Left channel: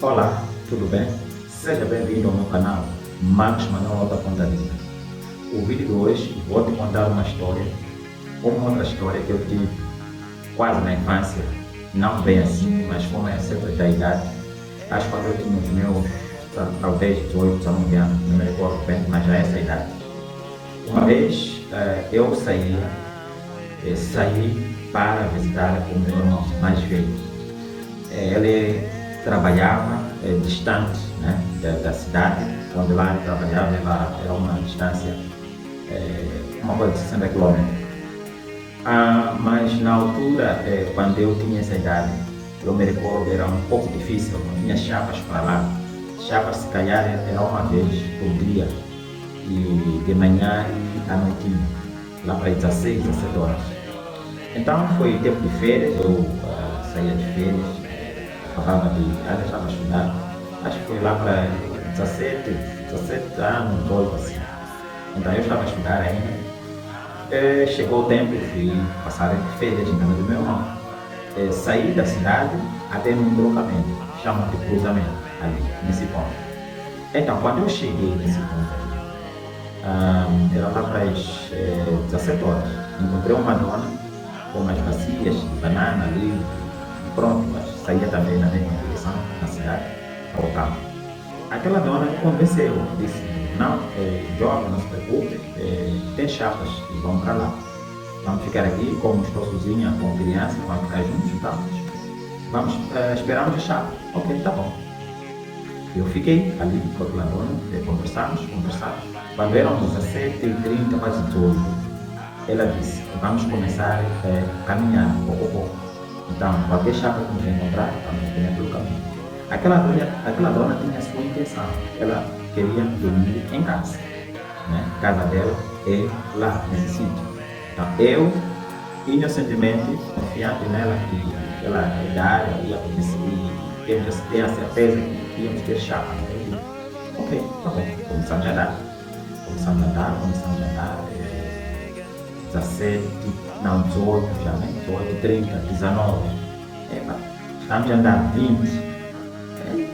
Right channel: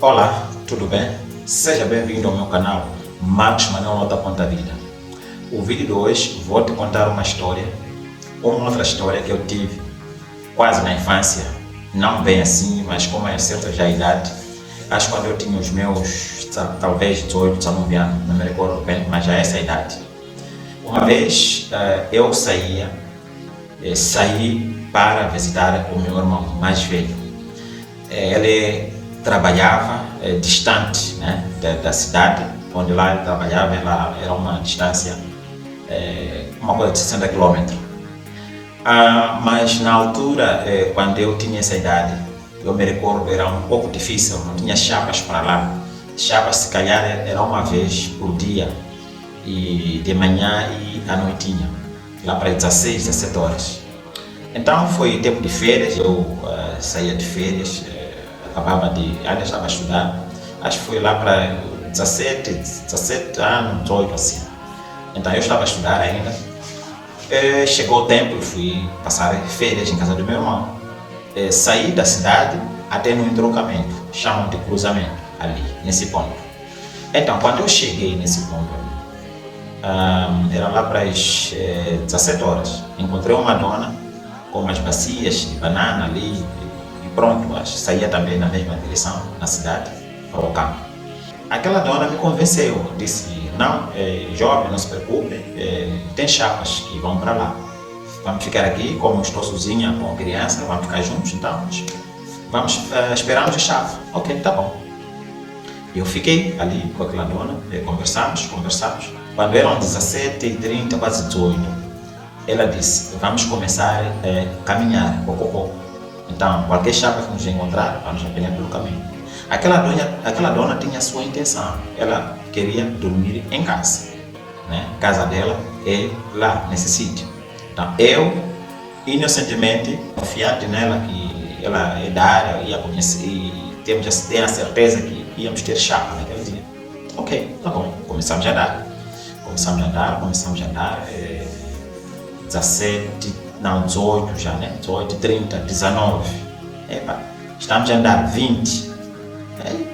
Olá, tudo bem? Seja bem-vindo ao meu canal Marcos Manuel da Ponta Vida. O vídeo de hoje vou te contar uma outra história que eu tive quase na infância, não bem assim, mas como é certa já a idade, acho que quando eu tinha os meus, talvez 18, 19 anos, não me recordo bem, mas já é essa a idade. Uma vez eu saí para visitar o meu irmão mais velho. Ele trabalhava distante, né, da cidade onde lá ele trabalhava, ela era uma distância, uma coisa de 60 quilômetros. Mas na altura, quando eu tinha essa idade, eu me recordo, era um pouco difícil, não tinha chapas para lá. Chapas se calhar era uma vez por dia, e de manhã e à noitinha, lá para 16, 17 horas. Então foi tempo de férias, eu saía de férias, ainda estava a estudar, acho que foi lá para 17 anos, 18 assim. Então eu estava a estudar ainda. Chegou o tempo, eu fui passar férias em casa do meu irmão. Saí da cidade até no entroncamento, chamam de cruzamento, ali, nesse ponto. Então quando eu cheguei nesse ponto, era lá para as 17 horas, encontrei uma dona com umas bacias de banana ali, e pronto, saía também na mesma direção, na cidade, para o campo. Aquela dona me convenceu, disse, não, jovem, não se preocupe, tem chapas que vão para lá. Vamos ficar aqui, como estou sozinha com criança, vamos ficar juntos, então vamos esperarmos a chave. Ok, tá bom. Eu fiquei ali com aquela dona, conversamos. Quando eram 17h30, quase 18, ela disse, vamos começar a caminhar pouco a pouco. Então, qualquer chapa que nos encontrar, vamos apanhar pelo caminho. Aquela dona tinha a sua intenção, ela queria dormir em casa, né? A casa dela é lá, nesse sítio. Então, eu, inocentemente, confiante nela, que ela é da área, ia conhecer, e temos a certeza que íamos ter chapa naquele dia. Ok, tá bom, começamos a andar, 17, não, 18 já, né? 18, 30, 19. Estamos a andar 20.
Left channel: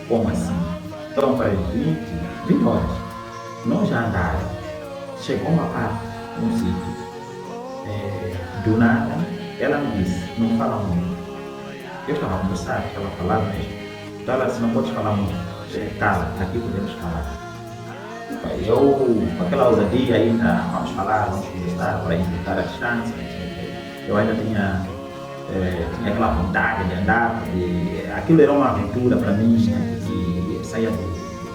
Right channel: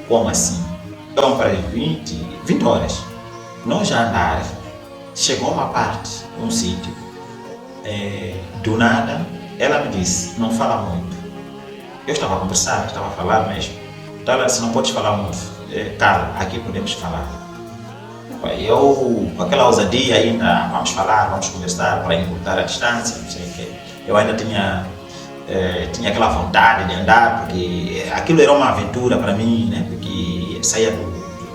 Como assim? Então, para 20 horas. Nós já andar, chegou uma parte, um sítio, do nada, ela me disse, não fala muito. Eu estava a conversar, estava a falar mesmo. Então ela disse, não podes falar muito. Cara, aqui podemos falar. Eu, com aquela ousadia ainda, vamos falar, vamos conversar para encurtar a distância, não sei o quê. Eu ainda tinha aquela vontade de andar, porque aquilo era uma aventura para mim, né? Porque saía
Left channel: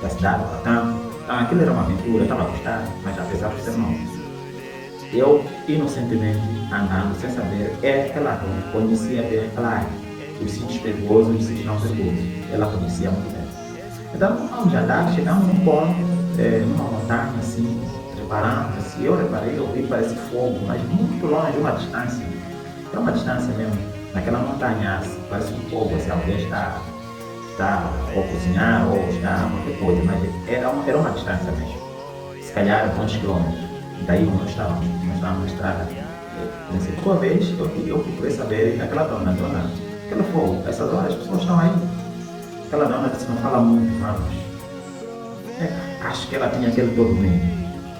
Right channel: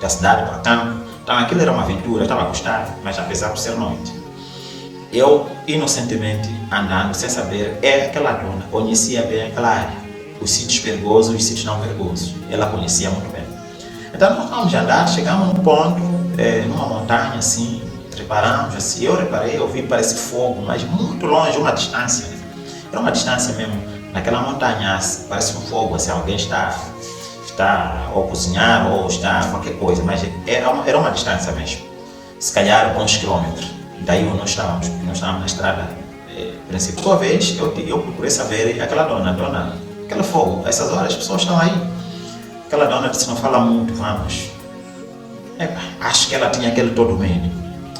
da cidade para campo, então aquilo era uma aventura, eu estava a gostar, mas apesar de ser noite. Eu, inocentemente, andando, sem saber, aquela dona conhecia bem aquela área, os sítios perigosos e os sítios não perigosos, ela conhecia muito bem. Então nós vamos andar, chegamos num ponto, numa montanha assim, preparamos assim, eu vi parece fogo, mas muito longe, uma distância. Era uma distância mesmo, naquela montanha, parece um fogo, assim, alguém está ou cozinhar ou está qualquer coisa, mas era uma distância mesmo, se calhar uns quilômetros, daí onde nós estávamos na estrada principal. Uma vez eu procurei saber, aquela dona, aquele fogo, essas horas as pessoas estão aí. Aquela dona disse, não fala muito, vamos. Acho que ela tinha aquele todo medo.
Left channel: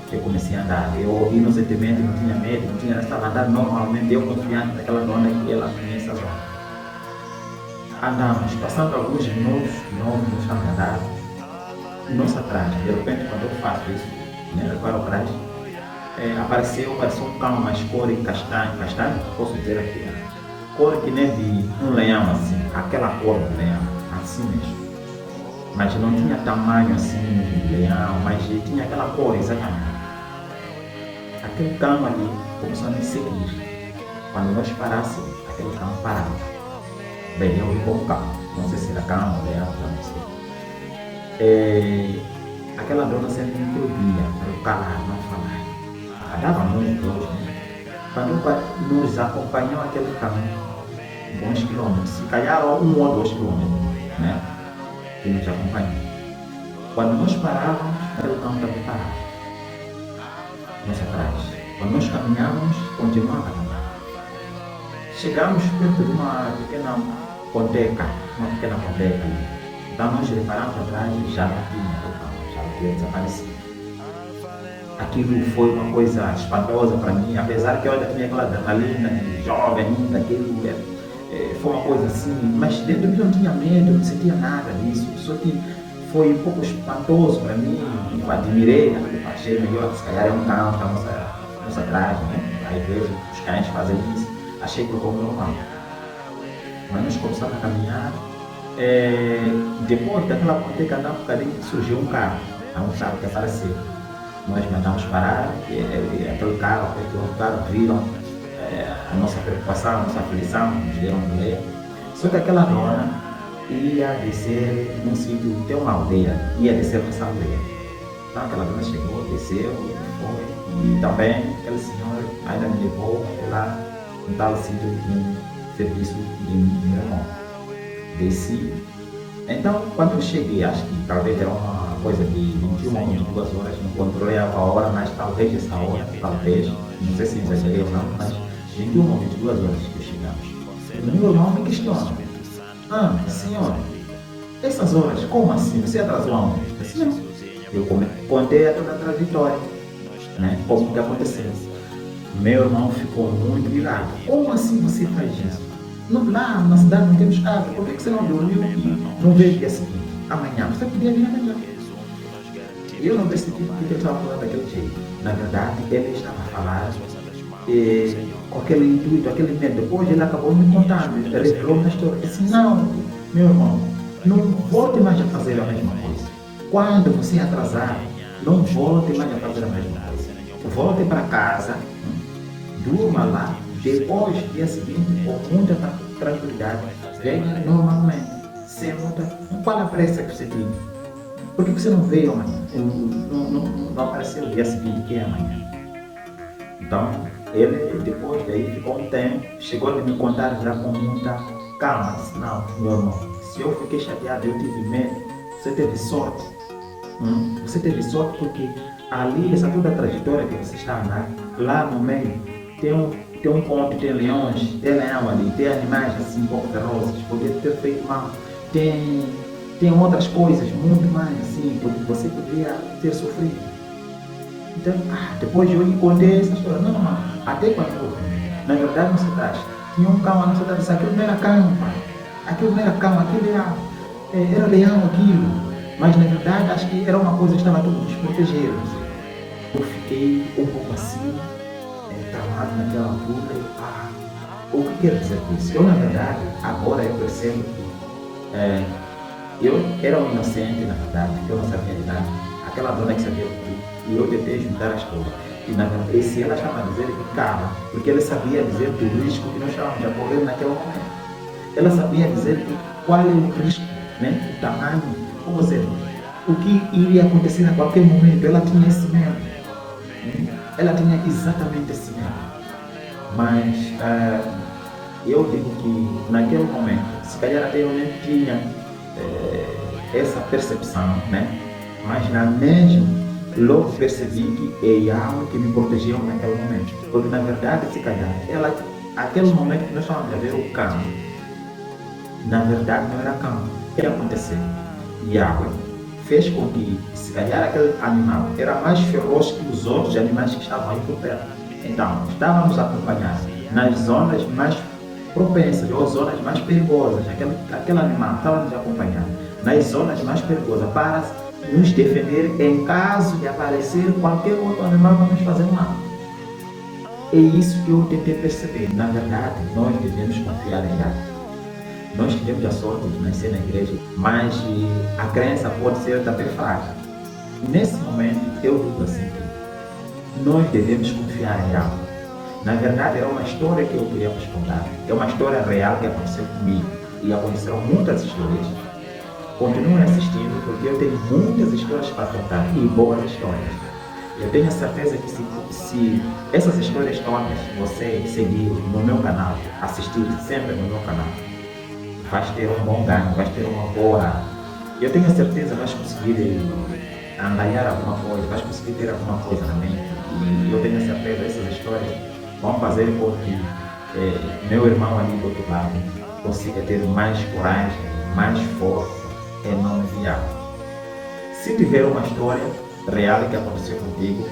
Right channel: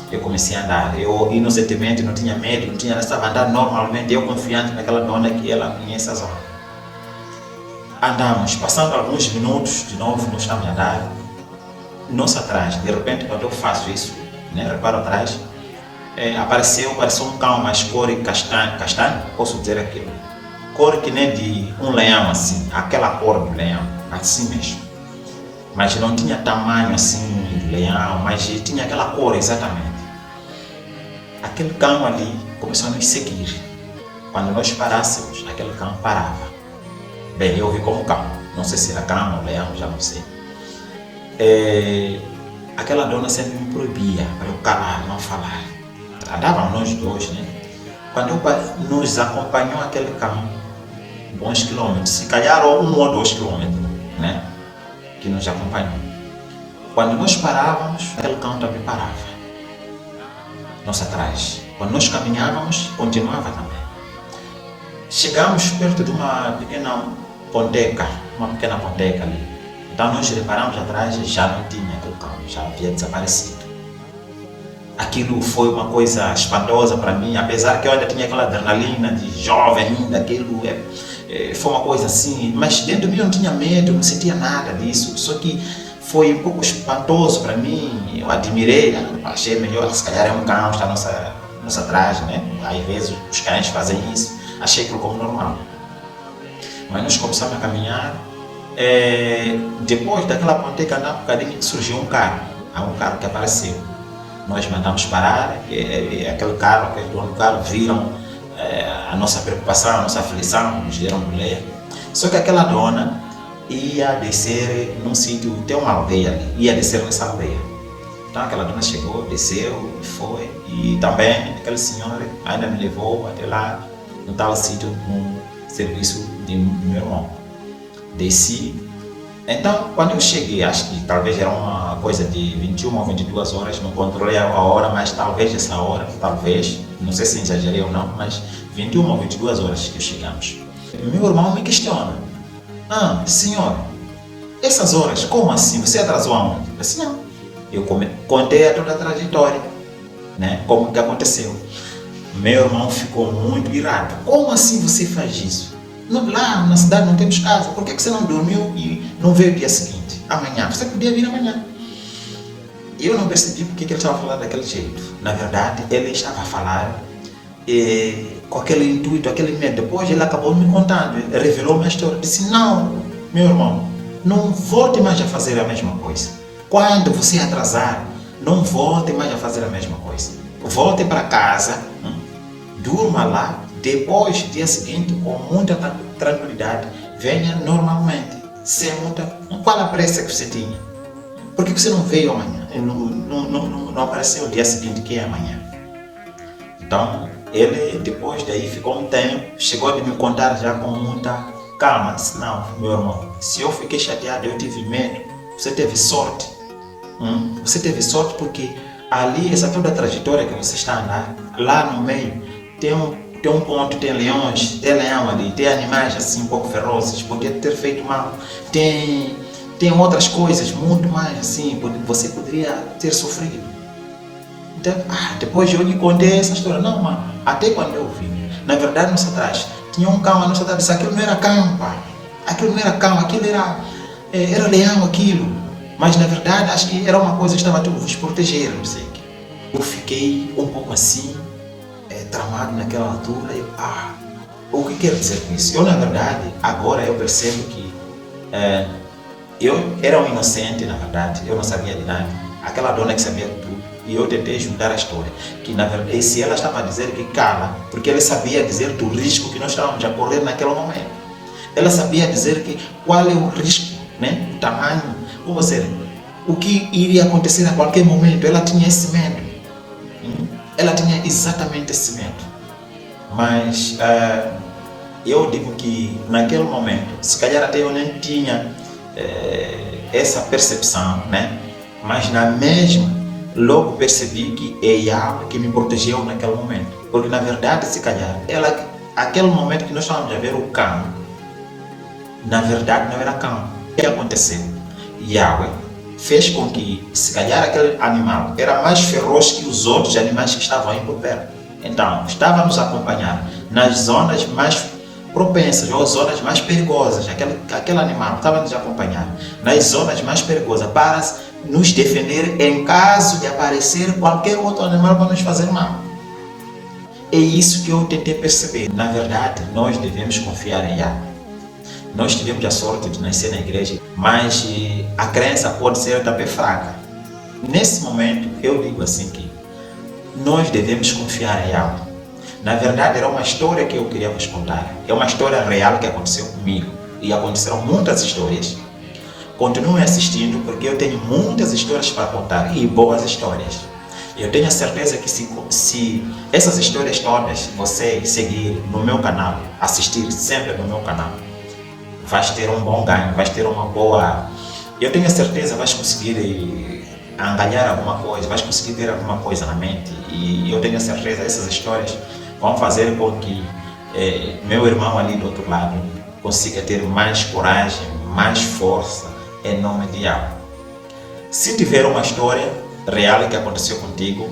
Eu comecei a andar, eu inocentemente não tinha medo, estava andando normalmente, eu confiante naquela dona que ela conhece a zona. Andamos, passando alguns minutos, de novo nós estamos a andar, nosso atrás, de repente quando eu faço isso, né, reparo atrás, apareceu um cão, mas cor castanho, posso dizer aquilo, cor que nem de um leão assim, aquela cor do leão, assim mesmo. Mas não tinha tamanho assim de leão, mas tinha aquela cor exatamente. Aquele cão ali começou a nos seguir. Quando nós parássemos, aquele cão parava. Bem, eu vi como cão, não sei se era cão ou leão, já não sei. Aquela dona sempre me proibia para eu calar, não falar. Andávamos nós dois, né? Quando nos acompanhou aquele cão, bons quilômetros, se calhar 1 ou 2 quilômetros, né? Que nos acompanhou. Quando nós parávamos, aquele cão também parava. Nós atrás. Quando nós caminhávamos, continuava também. Chegamos perto de uma pequena ponteca ali. Então nós reparamos atrás, já não tinha aquele cão, já havia desaparecido. Aquilo foi uma coisa espantosa para mim, apesar que eu ainda tinha aquela adrenalina de jovem ainda, aquilo foi uma coisa assim, mas dentro de mim eu não tinha medo, não sentia nada disso, só que foi um pouco espantoso para mim, eu admirei, achei melhor, se calhar é um cão, está nossa atrás, né? Às vezes os cães fazem isso, achei aquilo como normal. Mas nós começamos a caminhar, depois daquela ponte que andava um bocadinho, surgiu um carro, há um carro que apareceu. Nós mandamos parar, aquele carro, aquele dono do carro, viram a nossa preocupação, a nossa aflição, nos deram um ler. Só que aquela dona ia descer num sítio, tem uma aldeia ali, ia descer nessa aldeia. Então aquela dona chegou, desceu, foi, e também aquele senhor ainda me levou até lá, no tal sítio, no serviço de meu irmão. Desci. Então, quando eu cheguei, acho que talvez era uma coisa de 21 ou 22 horas, não controlei a hora, mas talvez essa hora, talvez, não sei se exagerei ou não, mas 21 ou 22 horas que chegamos. Meu irmão me questiona: senhor, essas horas, como assim? Você atrasou aonde? Eu disse: não. Eu contei toda a trajetória, né? Como que aconteceu. Meu irmão ficou muito irado. Como assim você faz isso? Lá na cidade não temos casa, por que você não dormiu e não veio o dia seguinte? Amanhã, você podia vir amanhã. Eu não percebi porque ele estava falando daquele jeito. Na verdade, ele estava a falar com aquele intuito, aquele medo. Depois ele acabou me contando, revelou uma história. Disse: não, meu irmão, não volte mais a fazer a mesma coisa. Quando você atrasar, não volte mais a fazer a mesma coisa. Volte para casa, durma lá. Depois, dia seguinte, com muita tranquilidade, venha normalmente, sem muita... Qual a pressa que você tinha? Por que você não veio amanhã? Não apareceu o dia seguinte, que é amanhã. Então, ele depois daí ficou um tempo, chegou a me contar já com muita calma. Disse: não, meu irmão, se eu fiquei chateado, eu tive medo, você teve sorte. Você teve sorte porque ali, essa toda a trajetória que você está andando, lá no meio, tem um ponto, tem leões, tem leão ali, tem animais assim um pouco ferozes, podia ter feito mal, tem outras coisas muito mais assim, você poderia ter sofrido. Então, depois eu lhe contei essa história. Não, mano, até quando eu vi, na verdade, nossa atrás, tinha um cão, a nossa atrás, aquilo não era cão, pai, aquilo não era cão, aquilo era leão, aquilo, mas na verdade acho que era uma coisa que estava a nos proteger, não sei. Eu fiquei um pouco assim, tramado naquela altura. O que quero dizer com isso? Eu, na verdade, agora eu percebo que eu era um inocente, na verdade, eu não sabia de nada. Aquela dona que sabia tudo. E eu tentei juntar a história, que na verdade, se ela estava a dizer que cala, porque ela sabia dizer do risco que nós estávamos a correr naquele momento. Ela sabia dizer que qual é o risco, né? O tamanho, ou seja, o que iria acontecer a qualquer momento. Ela tinha esse medo. Ela tinha exatamente esse medo. Mas eu digo que naquele momento, se calhar até eu nem tinha essa percepção, né? Mas na mesma, logo percebi que é Yahweh que me protegeu naquele momento. Porque na verdade, se calhar, aquele momento que nós estávamos a ver o cão, na verdade não era cão. O que aconteceu? Yahweh fez com que, se calhar, aquele animal era mais feroz que os outros animais que estavam aí por perto. Então, estava a nos acompanhar nas zonas mais propensas ou zonas mais perigosas. Aquele animal estava a nos acompanhar nas zonas mais perigosas para nos defender em caso de aparecer qualquer outro animal para nos fazer mal. É isso que eu tentei perceber. Na verdade, nós devemos confiar em Yahweh. Nós tivemos a sorte de nascer na igreja, mas a crença pode ser também fraca. Nesse momento, eu digo assim que nós devemos confiar em Yahweh. Na verdade, era uma história que eu queria vos contar. É uma história real que aconteceu comigo. E aconteceram muitas histórias. Continuem assistindo, porque eu tenho muitas histórias para contar, e boas histórias. Eu tenho a certeza que se essas histórias todas você seguir no meu canal, assistir sempre no meu canal, vais ter um bom ganho, vais ter uma boa... Eu tenho a certeza que vais conseguir angariar alguma coisa, vais conseguir ter alguma coisa na mente. E eu tenho a certeza que essas histórias vão fazer com que meu irmão ali do outro lado consiga ter mais coragem, mais força, em nome de Yahweh. Se tiver uma história real que aconteceu contigo,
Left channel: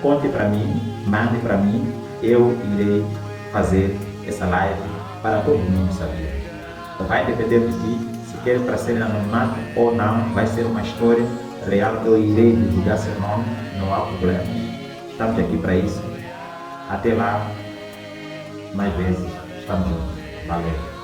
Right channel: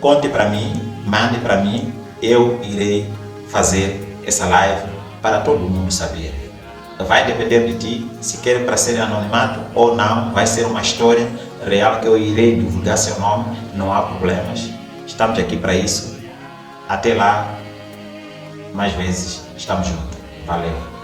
conte para mim, mande para mim, eu irei fazer essa live para todo mundo saber. Vai depender de ti, se quer para ser anonimato ou não, vai ser uma história real que eu irei divulgar seu nome, não há problemas. Estamos aqui para isso. Até lá, mais vezes, estamos juntos. Valeu!